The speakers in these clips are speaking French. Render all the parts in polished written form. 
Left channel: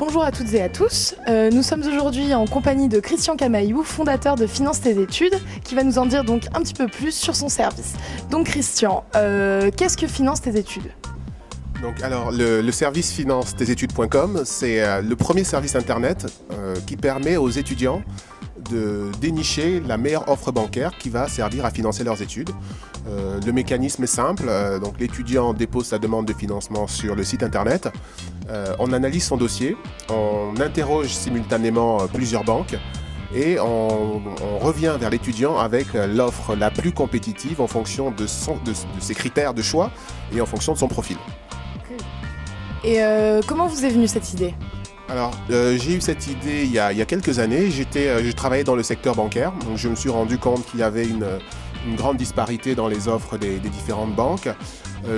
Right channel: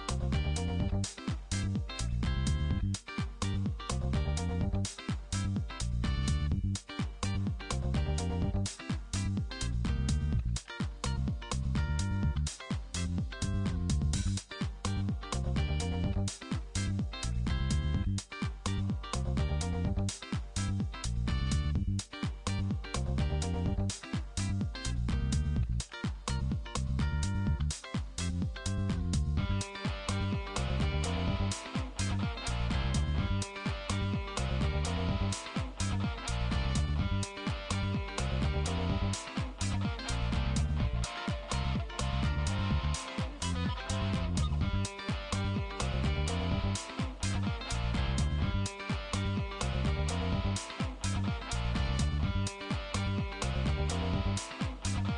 Bonjour à toutes et à tous, nous sommes aujourd'hui en compagnie de Christian Camaillou, fondateur de Finance tes études, qui va nous en dire donc un petit peu plus sur son service. Donc Christian, qu'est-ce que Finance tes études ? Donc, alors, le service finance-tes-études.com, c'est le premier service internet qui permet aux étudiants de dénicher la meilleure offre bancaire qui va servir à financer leurs études. Le mécanisme est simple, donc l'étudiant dépose sa demande de financement sur le site internet, on analyse son dossier, on interroge simultanément plusieurs banques et on revient vers l'étudiant avec l'offre la plus compétitive en fonction de ses critères de choix et en fonction de son profil. Et comment vous est venue cette idée ? Alors, j'ai eu cette idée il y a quelques années. Je travaillais dans le secteur bancaire, donc je me suis rendu compte qu'il y avait une grande disparité dans les offres des différentes banques.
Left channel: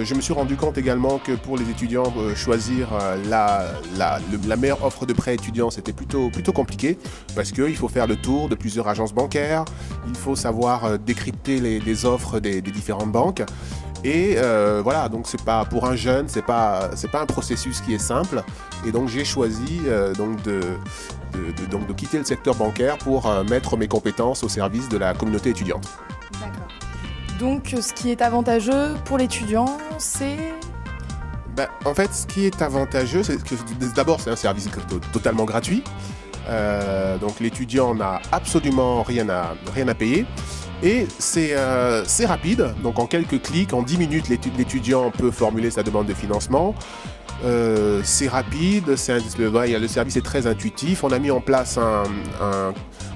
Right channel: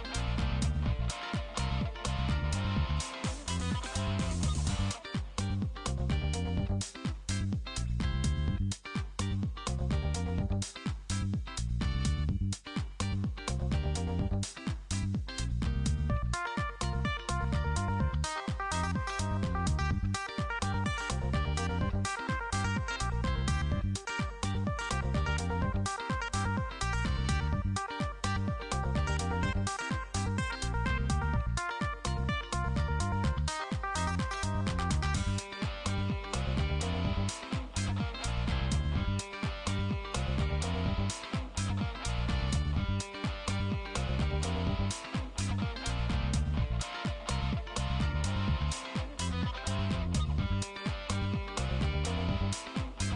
Je me suis rendu compte également que pour les étudiants, choisir la meilleure offre de prêt étudiant, c'était plutôt compliqué parce qu'il faut faire le tour de plusieurs agences bancaires, il faut savoir décrypter les offres des différentes banques. Et voilà, donc c'est pas pour un jeune, c'est pas un processus qui est simple. Et donc j'ai choisi de quitter le secteur bancaire pour mettre mes compétences au service de la communauté étudiante. Donc ce qui est avantageux pour l'étudiant, c'est... En fait, ce qui est avantageux, c'est que d'abord c'est un service totalement gratuit. Donc l'étudiant n'a absolument rien à payer. Et c'est rapide, donc en quelques clics, en 10 minutes, l'étudiant peut formuler sa demande de financement. C'est rapide, le service est très intuitif. On a mis en place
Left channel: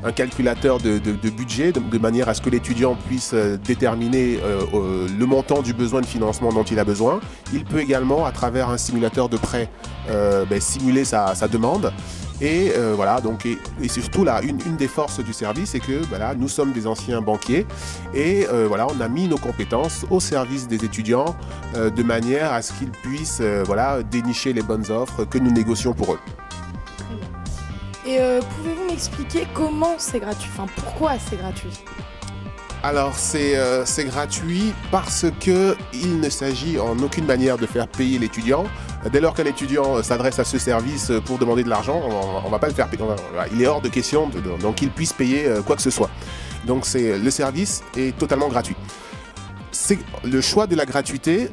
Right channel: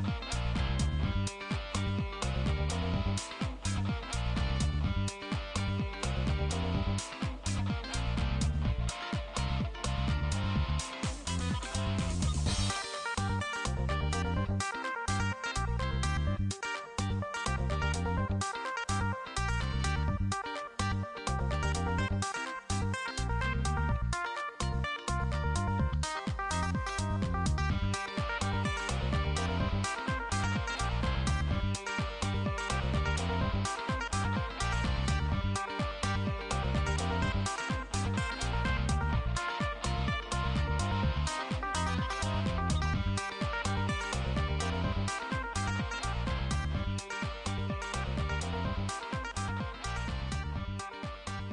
un calculateur de budget, de manière à ce que l'étudiant puisse déterminer le montant du besoin de financement dont il a besoin. Il peut également, à travers un simulateur de prêt, simuler sa demande. Et voilà, donc, et c'est surtout là, une des forces du service, c'est que voilà, nous sommes des anciens banquiers et voilà, on a mis nos compétences au service des étudiants de manière à ce qu'ils puissent voilà, dénicher les bonnes offres que nous négocions pour eux. Et pouvez-vous m'expliquer comment c'est gratuit, enfin pourquoi c'est gratuit ? Alors c'est gratuit parce qu'il ne s'agit en aucune manière de faire payer l'étudiant. Dès lors qu'un étudiant s'adresse à ce service pour demander de l'argent, on ne va pas le faire payer. Il est hors de question qu'il puisse payer quoi que ce soit. Donc le service est totalement gratuit. Le choix de la gratuité,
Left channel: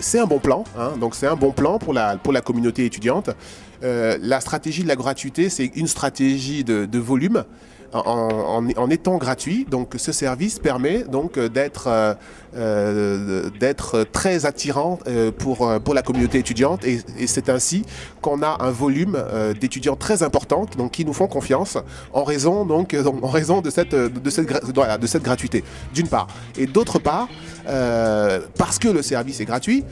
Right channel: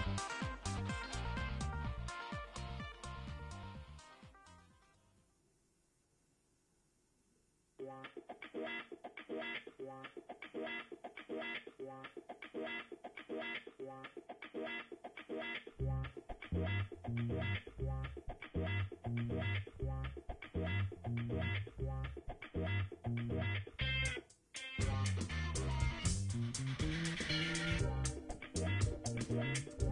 c'est un bon plan, hein, donc c'est un bon plan pour la communauté étudiante. La stratégie de la gratuité, c'est une stratégie de volume. En étant gratuit, donc ce service permet donc d'être très attirant pour la communauté étudiante et c'est ainsi qu'on a un volume d'étudiants très important donc, qui nous font confiance en raison de cette gratuité d'une part. Et d'autre part, parce que le service est gratuit,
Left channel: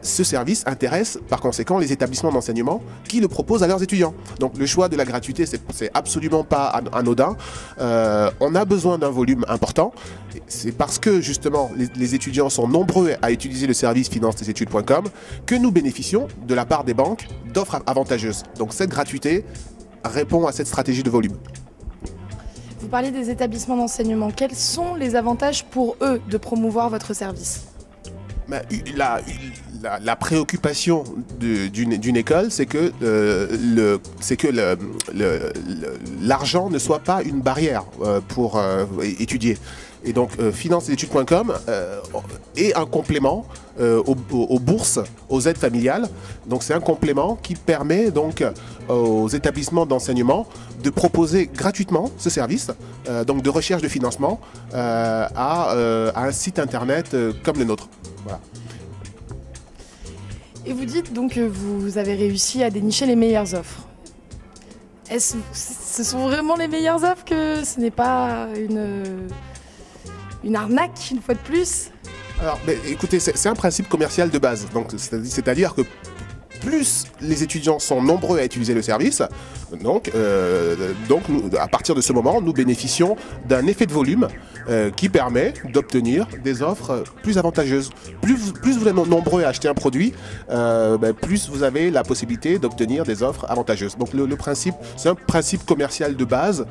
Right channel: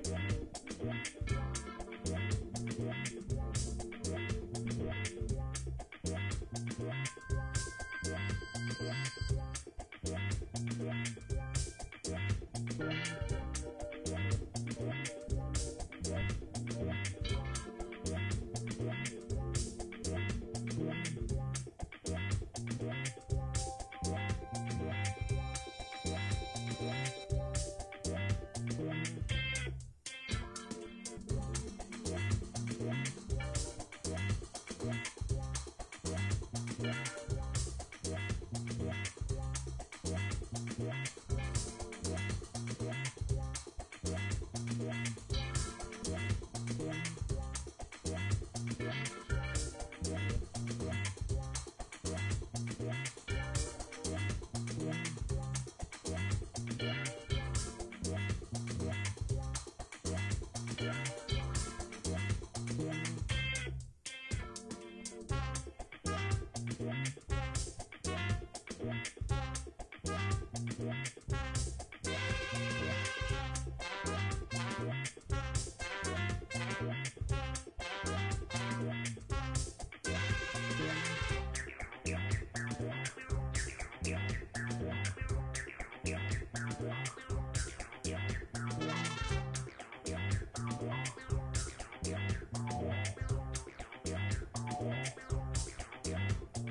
ce service intéresse par conséquent les établissements d'enseignement qui le proposent à leurs étudiants. Donc le choix de la gratuité, c'est absolument pas anodin. On a besoin d'un volume important. C'est parce que justement les étudiants sont nombreux à utiliser le service finance-tes-études.com que nous bénéficions de la part des banques d'offres avantageuses. Donc cette gratuité répond à cette stratégie de volume. Vous parlez des établissements d'enseignement. Quels sont les avantages pour eux de promouvoir votre service ? La préoccupation d'une école, c'est que l'argent ne soit pas une barrière pour étudier. Et donc, finance-tes-études.com est un complément aux bourses, aux aides familiales. Donc, c'est un complément qui permet donc aux établissements d'enseignement de proposer gratuitement ce service, donc de recherche de financement, à un site internet comme le nôtre. Voilà. Et vous dites donc que vous avez réussi à dénicher les meilleures offres. Est-ce que ce sont vraiment les meilleures offres, que ce n'est pas une arnaque une fois de plus ? Alors, écoutez, c'est un principe commercial de base. C'est-à-dire que plus les étudiants sont nombreux à utiliser le service, donc à partir de ce moment, nous bénéficions d'un effet de volume qui permet d'obtenir des offres plus avantageuses. Plus vous êtes nombreux à acheter un produit, plus vous avez la possibilité d'obtenir des offres avantageuses. Donc le principe, c'est un principe commercial de base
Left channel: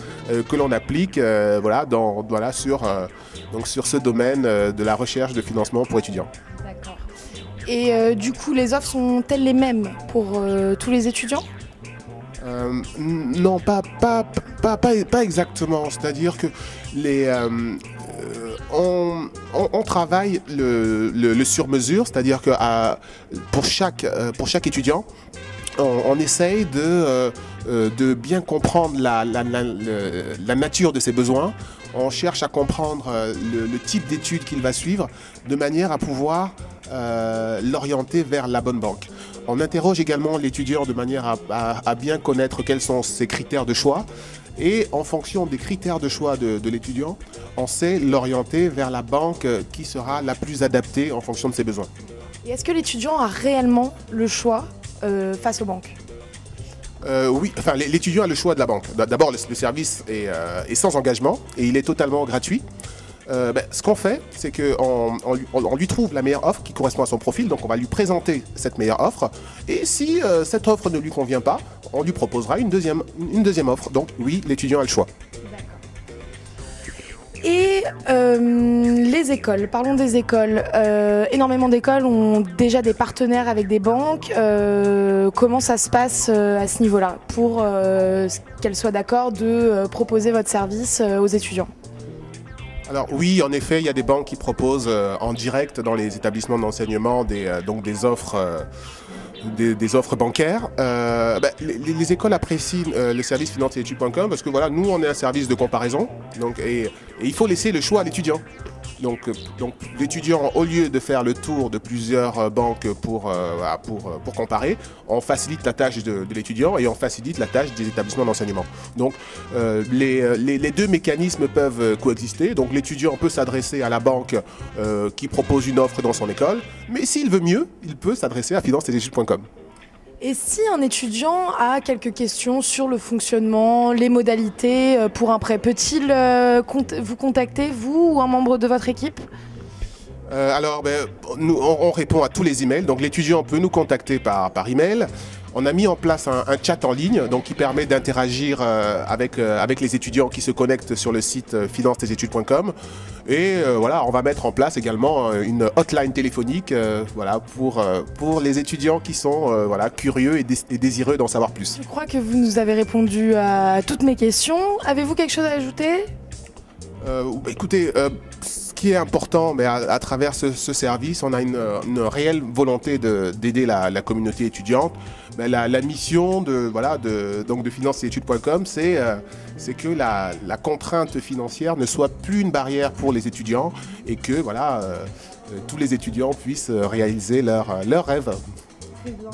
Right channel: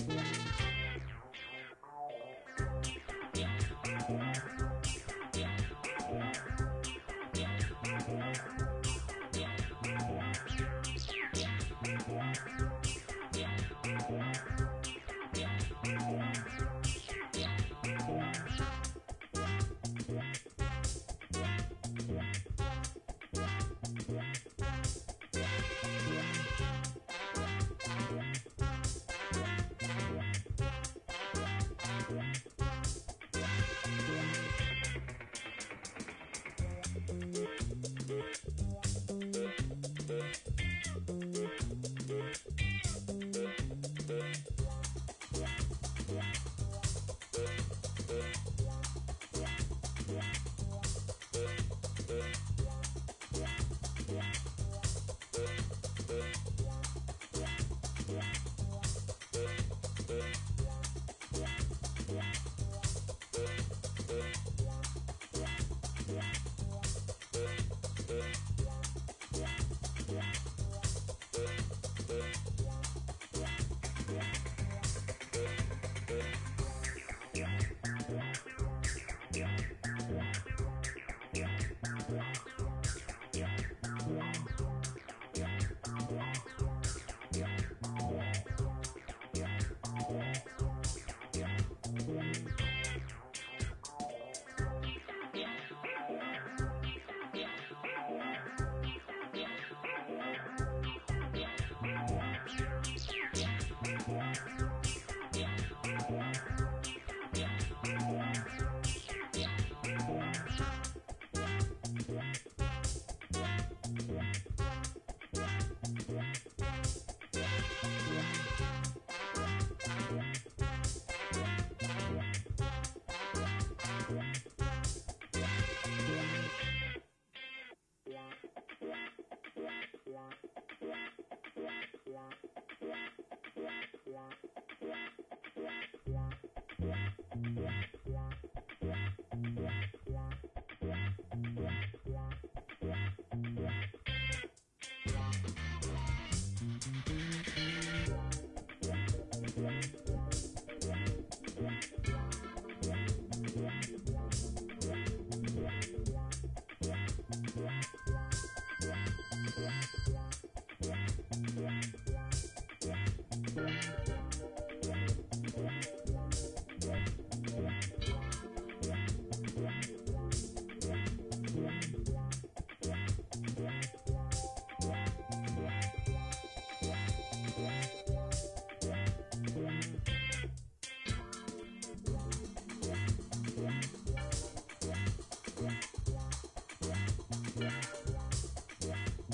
que l'on applique sur ce domaine de la recherche de financement pour étudiants. Et du coup, les offres sont-elles les mêmes pour tous les étudiants ? Non, pas exactement. C'est-à-dire que on travaille le sur-mesure, c'est-à-dire que pour chaque étudiant, on essaye de bien comprendre la nature de ses besoins. On cherche à comprendre le type d'études qu'il va suivre de manière à pouvoir l'orienter vers la bonne banque. On interroge également l'étudiant de manière à bien connaître quels sont ses critères de choix. Et en fonction des critères de choix de l'étudiant, on sait l'orienter vers la banque qui sera la plus adaptée en fonction de ses besoins. Et est-ce que l'étudiant a réellement le choix face aux banques? Oui, enfin l'étudiant a le choix de la banque. D'abord, le service est sans engagement et il est totalement gratuit. Ce qu'on fait, c'est qu'on lui trouve la meilleure offre qui correspond à son profil, donc on va lui présenter cette meilleure offre, et si cette offre ne lui convient pas, on lui proposera une deuxième offre. Donc oui, l'étudiant a le choix. Et les écoles, parlons des écoles. Énormément d'écoles ont déjà des partenaires avec des banques. Comment ça se passe à ce niveau-là pour qu'elles soient d'accord de proposer votre service aux étudiants? Alors oui, en effet, il y a des banques qui proposent en direct dans les établissements d'enseignement des offres bancaires. Les écoles apprécient le service finance-et-études.com parce que voilà, nous on est un service de comparaison et il faut laisser le choix à l'étudiant. Donc l'étudiant, au lieu de faire le tour de plusieurs banques pour comparer, on facilite la tâche de l'étudiant et on facilite la tâche des établissements d'enseignement. Donc les deux mécanismes peuvent coexister. Donc l'étudiant peut s'adresser à la banque qui propose une offre dans son école, mais s'il veut mieux, il peut s'adresser à finance-et-études.com. Et si un étudiant a quelques questions sur le fonctionnement, les modalités pour un prêt, peut-il vous contacter, vous ou un membre de votre équipe? Nous, on répond à tous les emails, donc l'étudiant peut nous contacter par email. On a mis en place un chat en ligne qui permet d'interagir avec les étudiants qui se connectent sur le site finance-et-études.com. Et voilà, on va mettre en place également une hotline téléphonique pour les étudiants qui sont curieux et désireux d'en savoir plus. Je crois que vous nous avez répondu à toutes mes questions. Avez-vous quelque chose à ajouter? Écoutez, ce qui est important, mais à travers ce service, on a une réelle volonté d'aider la communauté étudiante. La mission de finance-et-études.com, c'est que la contrainte financière ne soit plus une barrière pour les étudiants et que tous les étudiants puissent réaliser leurs rêves. Très bien.